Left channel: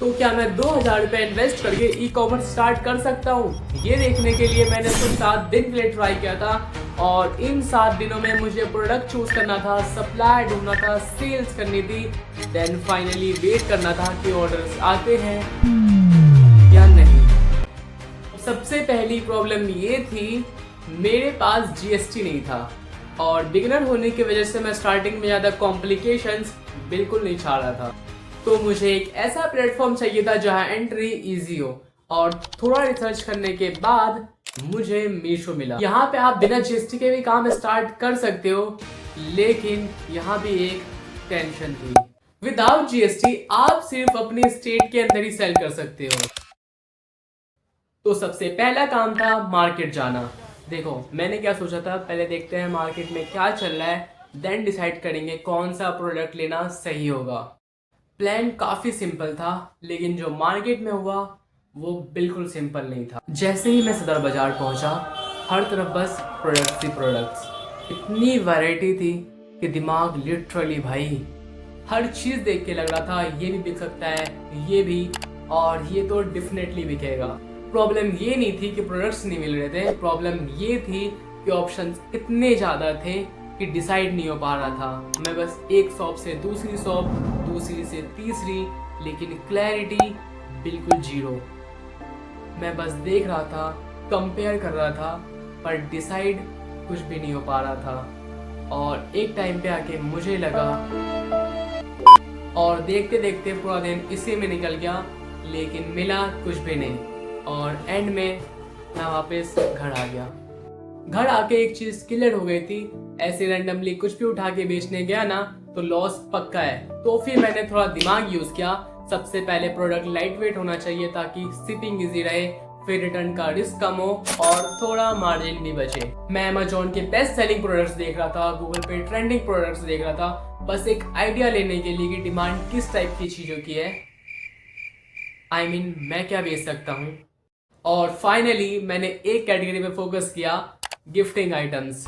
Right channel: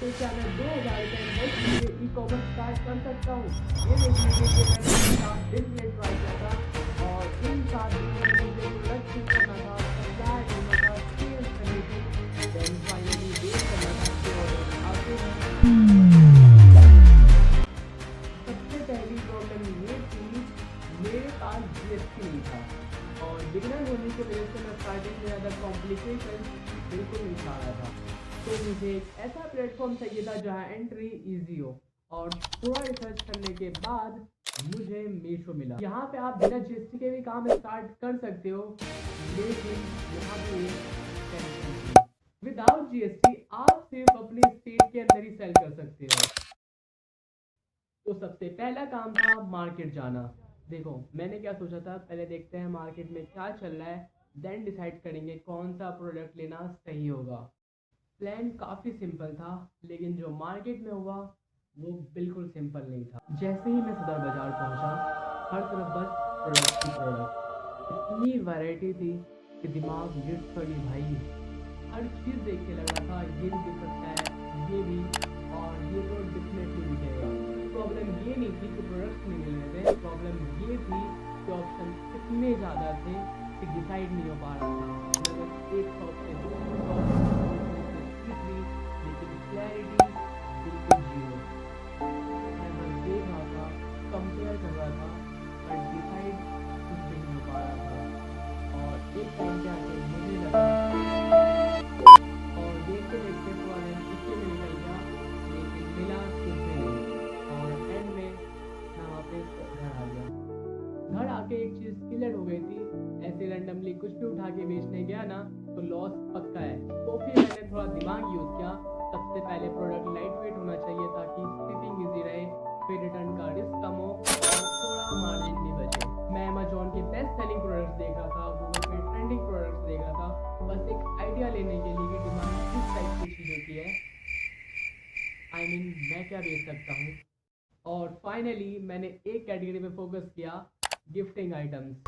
तो क्या मैं 2,000 रुपये इन्वेस्ट करके ई कॉमर्स स्टार्ट कर सकता हूँ? ये देखने के लिए मैंने सिर्फ 7 दिन के लिए ट्राई किया था और इन 7 दिनों में मुझे प्रोडक्ट चूज करना था, सप्लाई ढूंढना था, सेल्स करनी थी, देन फाइनली वेट करना था कि ऑर्डर्स आते हैं या नहीं। सबसे पहली प्रॉब्लम ये थी, मेरे पास जीएसटी नहीं था और बिगिनर होने की वजह से मैं स्टार्टिंग में ज़्यादा कॉम्प्लिकेशंस बिल्कुल नहीं चाह रहा था। तो मुझे एक ऐसा प्लेटफॉर्म चाहिए था जहां एंट्री इजी हो और थोड़ा रिसर्च करने के बाद मुझे मीशो मिला। यहाँ पे आप बिना जीएसटी के भी काम स्टार्ट कर सकते हो, लेकिन यहाँ भी एक टेंशन थी। विदाउट जीएसटी आप सिर्फ अपने स्टेट के अंदर ही सेल कर सकते हो। तो सबसे पहला काम था मार्केट जाना। देखो मैंने क्या सोचा था, पहले देखते हैं मार्केट में क्या चल रहा है, देन डिसाइड करेंगे कौन सा प्रोडक्ट लेना सही होगा। प्लान काफ़ी सिंपल था, लेकिन जो मार्केट में हुआ वो बिल्कुल सिंपल नहीं था। जैसे ही मैं सदर बाज़ार पहुंचा, हर तरफ बस प्रोडक्ट्स ही प्रोडक्ट्स, इतनी वैरायटी थी कि दिमाग लिटरली भाई, हर चीज़ देख के लग रहा था ये भी बिक सकता है, ये भी, और ये तो डेफिनेटली बिकेगा। प्रॉब्लम ये नहीं थी कि प्रोडक्ट्स नहीं मिल रहे थे, प्रॉब्लम ये थी कि ऑप्शंस इतने ज़्यादा थे कि डिसाइड नहीं हो पा रहा था। मैं बस एक शॉप से दूसरी शॉप, दूसरी से तीसरी, लेकिन क्लैरिटी बिल्कुल जीरो। मैं बस देख रहा था, कंपेयर कर रहा था, पर डिसाइड कुछ भी नहीं हो पा रहा था। और एक टाइम पे आके मुझे लगा, और देखते देखते पूरा दिन इसी में निकल गया, लेकिन मिला कुछ भी नहीं। और एंड में मैं वापस घर आ गया। घर आके एक चीज क्लियर हो गई थी, ऐसे रैंडमली कुछ भी उठा के बेचने गया ना तो लॉस पक्का है। तो फिर मैंने थोड़ा दिमाग यूज किया। सबसे पहले प्रोडक्ट लाइट वेट होना चाहिए ताकि शिपिंग इजी रहे, फिर रिटर्न का रिस्क कम हो और थोड़ा मार्जिन भी बचे। मैं अमेजोन के बेस्ट सेलिंग प्रोडक्ट्स देख रहा था, गूगल पे ट्रेंडिंग प्रोडक्ट्स देख रहा था, बस एक आइडिया लेने के लिए कि डिमांड किस टाइप की चीज़ों की है, मैं क्या बेच सकता हूँ। और फाइनली मैंने एक कैटेगरी पे फोकस किया, गिफ्टिंग आइटम्स।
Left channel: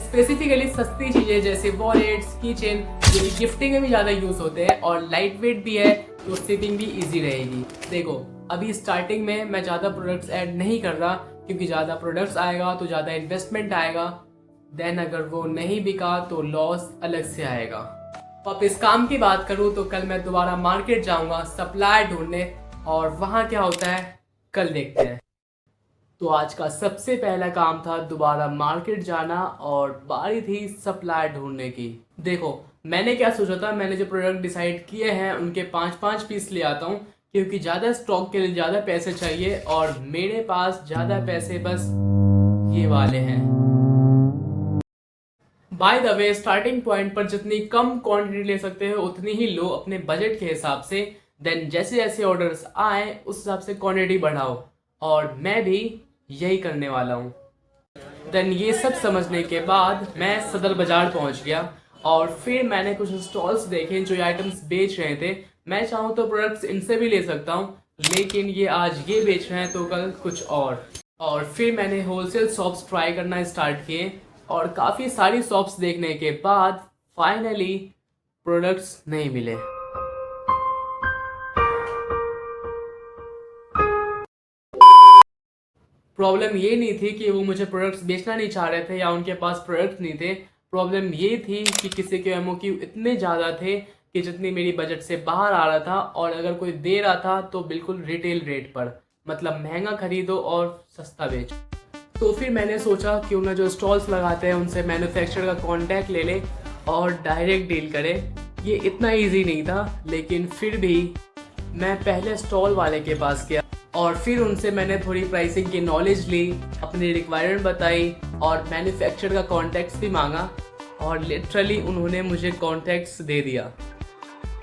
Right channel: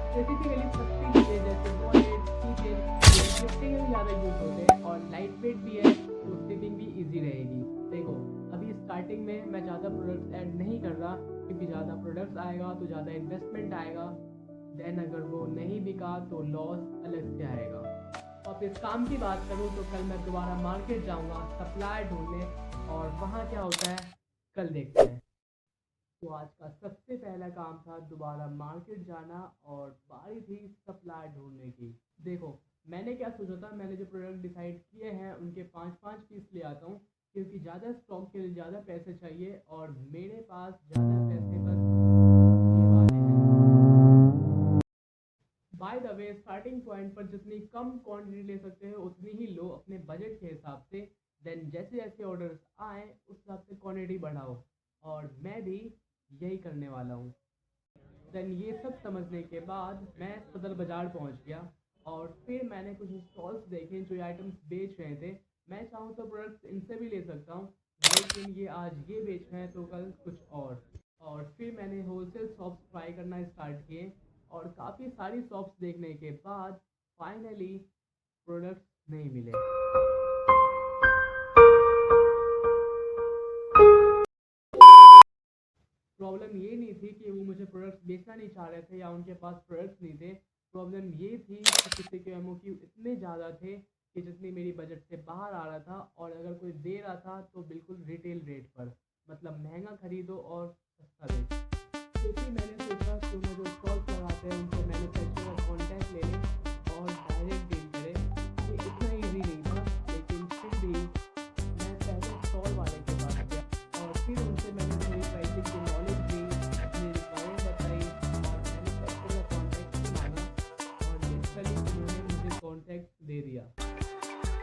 स्पेसिफिकली सस्ती चीज़ें जैसे वॉलेट्स, कीचेन, ये गिफ्टिंग में भी ज़्यादा यूज़ होते हैं और लाइट वेट भी है, तो शिपिंग भी इजी रहेगी। देखो अभी स्टार्टिंग में मैं ज़्यादा प्रोडक्ट्स ऐड नहीं कर रहा, क्योंकि ज़्यादा प्रोडक्ट्स आएगा तो ज़्यादा इन्वेस्टमेंट आएगा, देन अगर वो नहीं बिका तो लॉस अलग से आएगा। अब इस काम की बात करूँ तो कल मैं दोबारा मार्केट जाऊँगा सप्लाई ढूंढने, और वहाँ क्या होता है कल देखते हैं। तो आज का सबसे पहला काम था दोबारा मार्केट जाना और बारी थी सप्लाई ढूंढने की। देखो मैंने क्या सोचा था, मैंने जो प्रोडक्ट डिसाइड किए हैं उनके 5-5 पीस ले आता हूँ, क्योंकि ज़्यादा स्टॉक के लिए ज़्यादा पैसे चाहिए और मेरे पास ज़्यादा पैसे बस ये वाले हैं। By the way starting point पर जितनी कम क्वांटिटी ले सकते हो उतनी ही लो अपने बजट के हिसाब से, देन जैसे जैसे ऑर्डर्स आए उस हिसाब से क्वांटिटी बढ़ाओ, और मैं भी यही करने वाला हूँ। देन ये सब समझने के बाद मैं सदर बाजार पहुंच गया और फिर मैंने कुछ स्टॉल्स देखे जो ये आइटम्स बेच रहे थे। मैं चाहूँ तो प्रोडक्ट्स इनसे भी ले सकता हूँ, लेकिन ये आज ये बेच रहे हैं तो कल कुछ और फिर मैंने होलसेल शॉप्स ट्राई करना स्टार्ट किए और काफ़ी सारी शॉप्स देखने के बाद फाइनली प्रोडक्ट्स नहीं मिले। प्रॉब्लम ये नहीं थी कि वो मुझे प्रोडक्ट्स बेचना नहीं चाह रहे थे या उनके पास प्रोडक्ट्स नहीं थे, प्रॉब्लम ये थी कि किसी के एमओक्यू इतने ज़्यादा थे कि जितनी मेरी बजट से बाहर आ रहा था, और अगर कोई दे रहा था तो बिल्कुल रिटेल रेट पर, मतलब महंगा खरीदो और सस्ता बेचो। तो फिर मैंने सोचा क्यों ना जो स्टॉल्स लगाते हैं उनसे मैन्युफैक्चरर का कांटेक्ट ले लें और डायरेक्ट डील करें। ये इतना इजी नहीं था, लेकिन फिर भी मैं पहले स्टॉल वाले के पास गया और फिर उनसे मैंने थोड़ी प्राइसिंग की नॉलेज ली, अपनी रिक्वायरमेंट बताई और मैन्युफैक्चरर का कॉन्टैक्ट्स भी मांगा, और लिटरली उन्होंने मुझे कॉन्टैक्ट्स दे दिया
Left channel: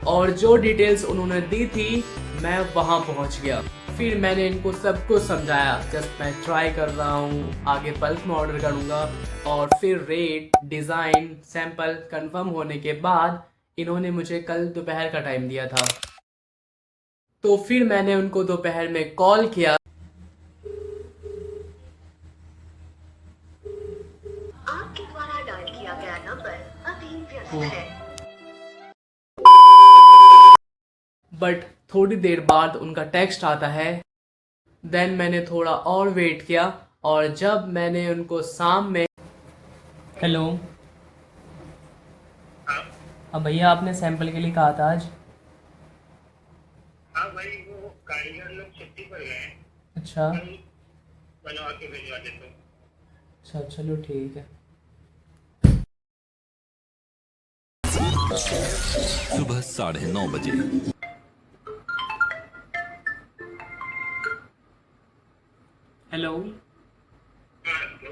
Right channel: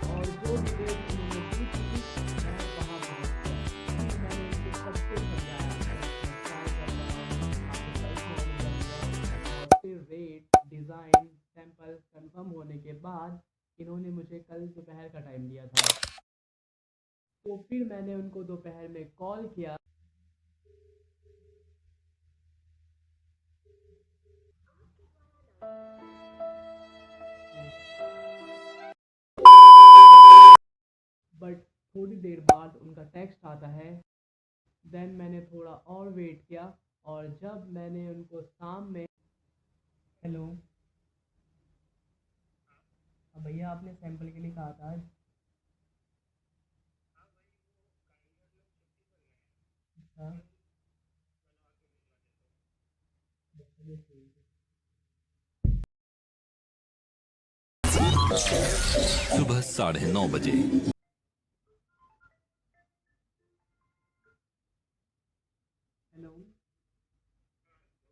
और जो डिटेल्स उन्होंने दी थी मैं वहाँ पहुँच गया। फिर मैंने इनको सब कुछ समझाया, जस्ट मैं ट्राई कर रहा हूँ, आगे बल्क में ऑर्डर करूँगा, और फिर रेट, डिज़ाइन, सैंपल कंफर्म होने के बाद इन्होंने मुझे कल दोपहर का टाइम दिया था। तो फिर मैंने उनको दोपहर में कॉल किया। आपके द्वारा डायल किया गया नंबर अभी व्यस्त है, बट थोड़ी देर बाद उनका टेक्स्ट आता है। देन मैंने थोड़ा और वेट किया और जब मैंने उनको शाम में हेलो हाँ। अब भैया आपने सैंपल के लिए कहा था आज। हाँ भाई, वो कारीगर लोग छुट्टी पर गए हैं। अच्छा कल बनवा के भिजवा देते हैं। अच्छा चलो ठीक है। सुबह 9:30 बजे। हेलो हाँ तो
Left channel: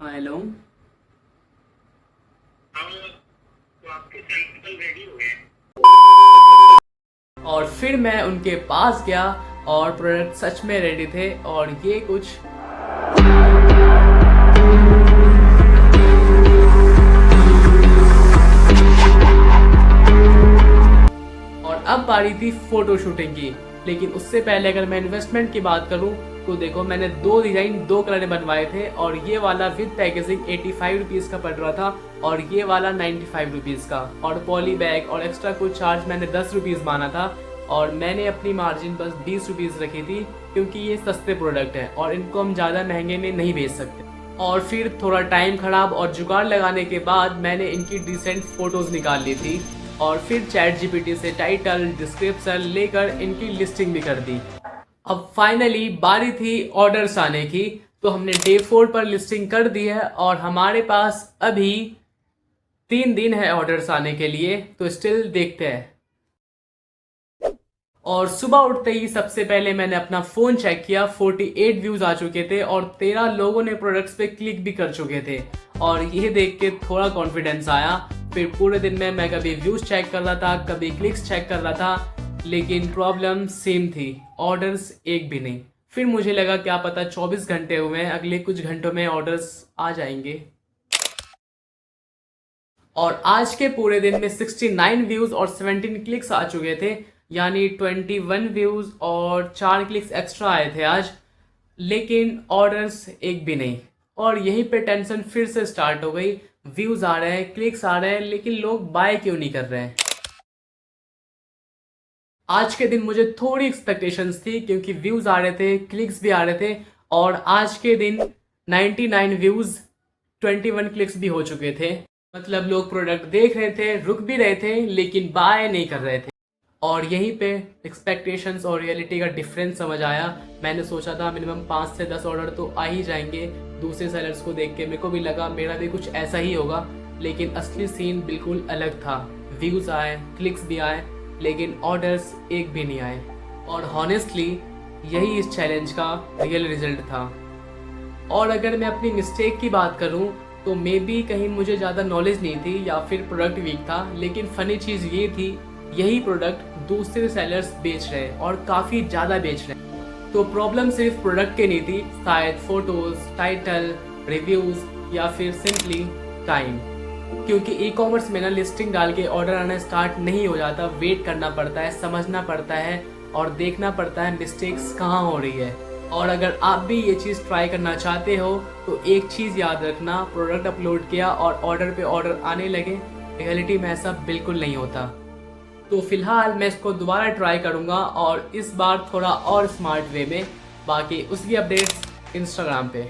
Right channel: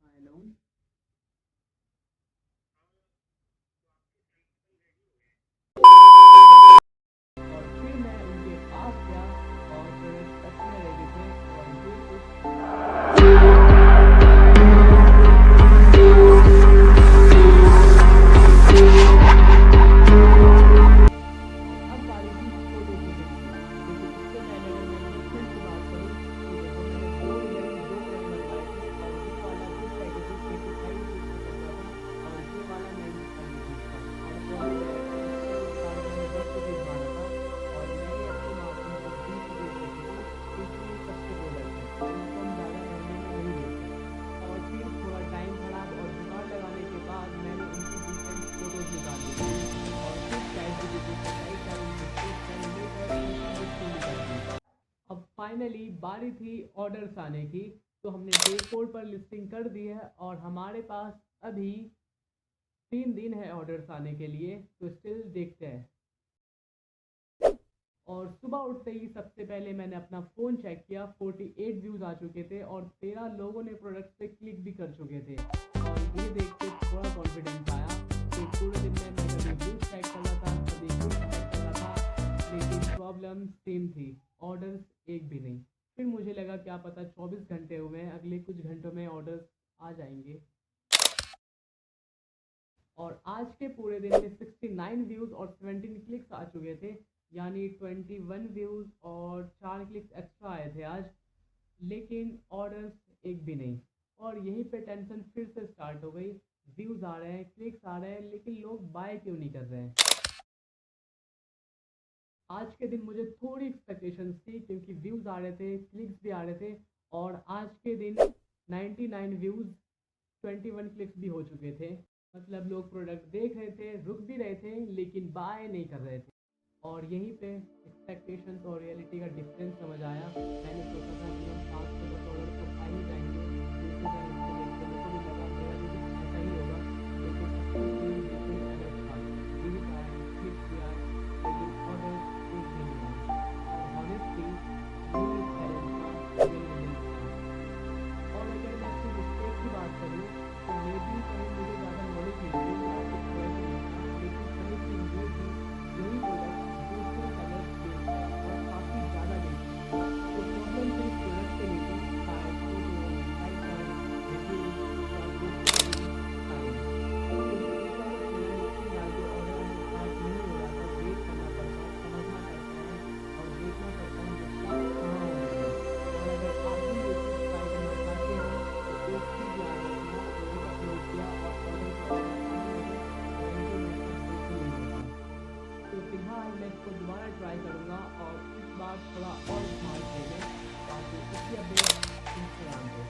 हाँ हेलो हम तो आपके सैंपल रेडी हो गए। और फिर मैं उनके पास गया और प्रोडक्ट सच में रेडी थे और ये कुछ और अब बारी थी फोटो शूटिंग की। लेकिन उससे पहले अगर मैं इन्वेस्टमेंट की बात करूं तो देखो मैंने 2 डिज़ाइन 2 कलर में बनवाए थे और ये वाला विद पैकेजिंग 85 रुपीज़ का पड़ रहा था और ये वाला 95 रुपीज़ का, और पॉली बैग और एक्स्ट्रा कुछ चार्ज मैंने 10 रुपीज़ माना था और मैंने अपनी मार्जिन बस 20 रुपीज़ रखी थी क्योंकि ये सस्ते प्रोडक्ट हैं और इनको हम ज़्यादा महंगे में नहीं बेच सकते। और फिर थोड़ा टाइम खराब और जुगाड़ लगाने के बाद मैंने इनकी डिसेंट फ़ोटोज़ निकाल ली थी और फिर ChatGPT से टाइटल डिस्क्रिप्शन लेकर इनकी लिस्टिंग भी कर दी। अब फाइनली बारी थी ऑर्डर्स आने की, तो हमने डे 4 पर लिस्टिंग कर दी है और हमारे पास अभी 3 दिन है ऑर्डर्स आने के लिए, तो स्टिल देखते हैं। और सुबह उठते ही सबसे पहले मैंने अपना फ़ोन चेक किया, 48 व्यूज़ आ चुके थे और 13 लोगों ने प्रोडक्ट्स पे क्लिक भी कर चुके थे और ये देख के थोड़ा कॉन्फिडेंस आया। फिर पूरे दिन में मैं कभी व्यूज़ चेक कर रहा था, कभी क्लिक्स चेक कर रहा था, लेकिन प्रॉब्लम सेम थी, ऑर्डर्स एक भी नहीं। फिर मुझे लगा क्या पता 24 घंटे हुए हैं, अगले कुछ घंटों में ऑर्डर्स आ जाएंगे। और आज के पूरे दिन में 69 व्यूज़ और 17 क्लिक्स आ चुके थे, यानी 21 व्यूज़ और 4 क्लिक्स एक्स्ट्रा आए थे आज, लेकिन ऑर्डर्स एक भी नहीं। और यहीं पे टेंशन फिर से स्टार्ट हो गई, व्यूज़ आ रहे हैं, क्लिक्स आ रहे हैं, लेकिन लोग बाय क्यों नहीं कर रहे हैं। आज के दिन मुझे थोड़ी एक्सपेक्टेशंस थी क्योंकि व्यूज़ आ रहे थे, क्लिक्स भी आ रहे थे और आज के दिन 99 व्यूज़ 21 क्लिक्स भी हो चुके थे। मतलब लोग प्रोडक्ट देख रहे थे, रुक भी रहे थे, लेकिन बाय नहीं कर रहे थे। और यहीं पे एक्सपेक्टेशंस और रियलिटी का डिफरेंस समझ आया। मैंने सोचा था मिनिमम 5 से 10 ऑर्डर तो आ ही जाएंगे। दूसरे सेलर्स को देख के मेरे को भी लगा मेरा भी कुछ ऐसा ही होगा, लेकिन असली सीन बिल्कुल अलग था। व्यूज़ आए, क्लिक्स भी आए, लेकिन ऑर्डर्स एक भी नहीं आए। और हॉनेस्टली यही इस चैलेंज का रियल रिजल्ट था। और अगर मैं अपनी मिस्टेक की बात करूं तो मे बी कहीं मुझे ज़्यादा नॉलेज नहीं थी या फिर प्रोडक्ट वीक था, लेकिन फ़नी चीज़ ये थी यही प्रोडक्ट दूसरे सेलर्स बेच रहे हैं और काफ़ी ज़्यादा बेच रहे हैं। तो प्रॉब्लम सिर्फ प्रोडक्ट की नहीं थी, शायद फ़ोटोज़, टाइटल, रिव्यूज़ या फिर सिंपली टाइम। क्योंकि ई कॉमर्स में ना लिस्टिंग डाल के ऑर्डर आना स्टार्ट नहीं हो जाता, वेट करना पड़ता है, समझना पड़ता है और देखना पड़ता है मिस्टेक्स कहाँ हो रही है। और अगर आप भी ये चीज़ ट्राई करना चाहते हो तो एक चीज़ याद रखना, प्रोडक्ट अपलोड किया और ऑर्डर पे ऑर्डर आने लगे, रियलिटी में ऐसा बिल्कुल नहीं होता। तो फिलहाल मैं इसको दोबारा ट्राई करूँगा और इस बार थोड़ा और स्मार्ट वे में। बाकी उसकी अपडेट्स इंस्टाग्राम पे।